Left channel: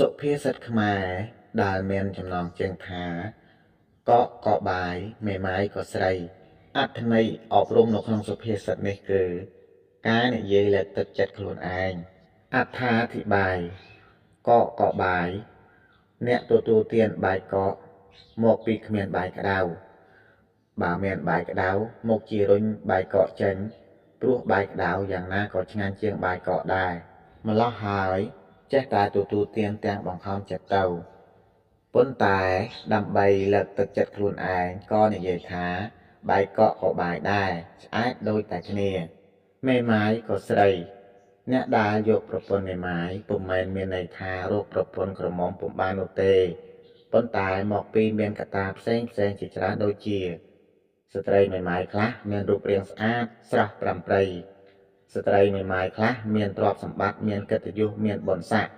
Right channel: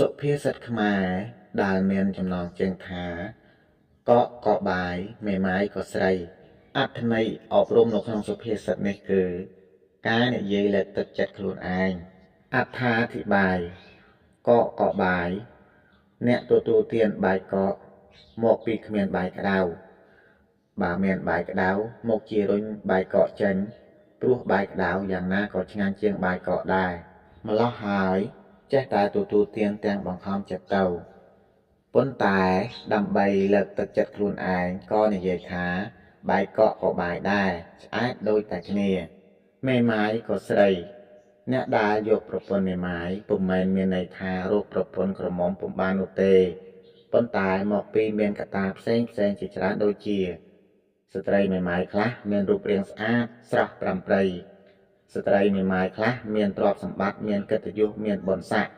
សុភាសិតខ្មែរដែលមានចំណងជើងថាកក់ក៏បាយមេម៉ាយក៏ស្រីអត្ថន័យអប់រំនៅក្នុងសុភាសិតនេះគឺការនិយាយលើកទឹកចិត្តខ្លួនឯងអត្ថាធិប្បាយកក់ក៏បាយអ្នកទទួលទានបាយកកមកពីគ្មានបាយក្តៅបើមានបាយក្តៅមកជារុញបាយកកចេញព្រោះបាយក្តៅយ៉ាងណាក៏ឆ្ងាញ់ជាងបាយកកដែរម្ល៉េះហើយចេះតែទទួលទានទាំងបង្ខំចិត្តទៅប៉ុន្តែដើម្បីលើកទឹកចិត្តខ្លួនឯងក៏និយាយថាបាយកកក៏បាយដែរឆ្អែតដូចតែគ្នាមេម៉ាយក៏ស្រីអ្នកដែលយកប្រពន្ធមេម៉ាយពុំមែនមានន័យថារកប្រពន្ធក្រមុំពុំបាននោះទេប៉ុន្តែមកពីមានកត្តាផ្សេងជាច្រើនដូចជាស្ត្រីមេម៉ាយខ្លះមានរូបរាងស្អាតស្រស់ប្រាំប្រៃស្ត្រីមេម៉ាយខ្លះមានទ្រព្យសម្បត្តិមានកិត្តិយសមានបុណ្យស័ក្តិ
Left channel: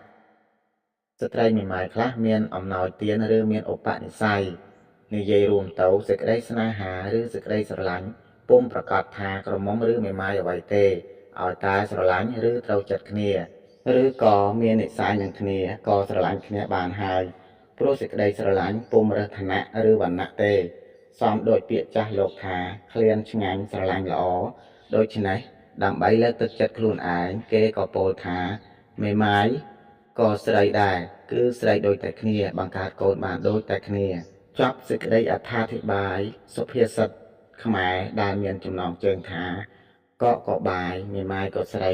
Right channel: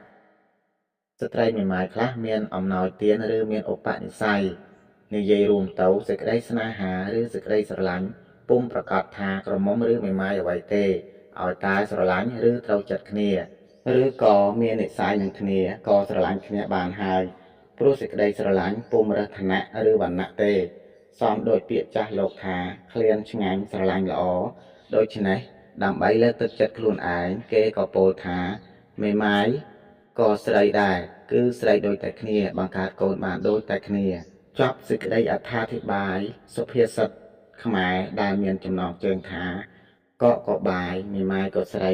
ស្ត្រីមេម៉ាយខ្លះមានអំណោយទានឬមានឧបនិស្ស័យនិយាយរួមទៅសេចក្តីស្នេហាឬសេចក្តីស្រឡាញ់ពុំប្រកាសថាក្រមុំឬមេម៉ាយអ្វីទេឲ្យតែស្រឡាញ់ឬត្រូវចិត្តគ្នាឬក៏មាននិស្ស័យនឹងគ្នាក៏ស្រឡាញ់គ្នាបានហើយព្រោះសេចក្តីស្រឡាញ់ពុំរើសឋានៈឬវណ្ណៈទេសមដោយពាក្យចាស់លោកថាឃ្លានឆ្ងាញ់ស្រឡាញ់ល្អដូច្នេះដើម្បីលើកទឹកចិត្តខ្លួនឯងគេក៏ពោលថាមេម៉ាយក៏ស្រីដែរគឺស្រីដូចតែគ្នាបង្កើតកូនបានដូចតែគ្នាចប់សេចក្តីអត្ថាធិប្បាយសុភាសិតខ្មែរដែលមានចំណងជើងថាកក់ក៏បាយមេម៉ាយក៏ស្រី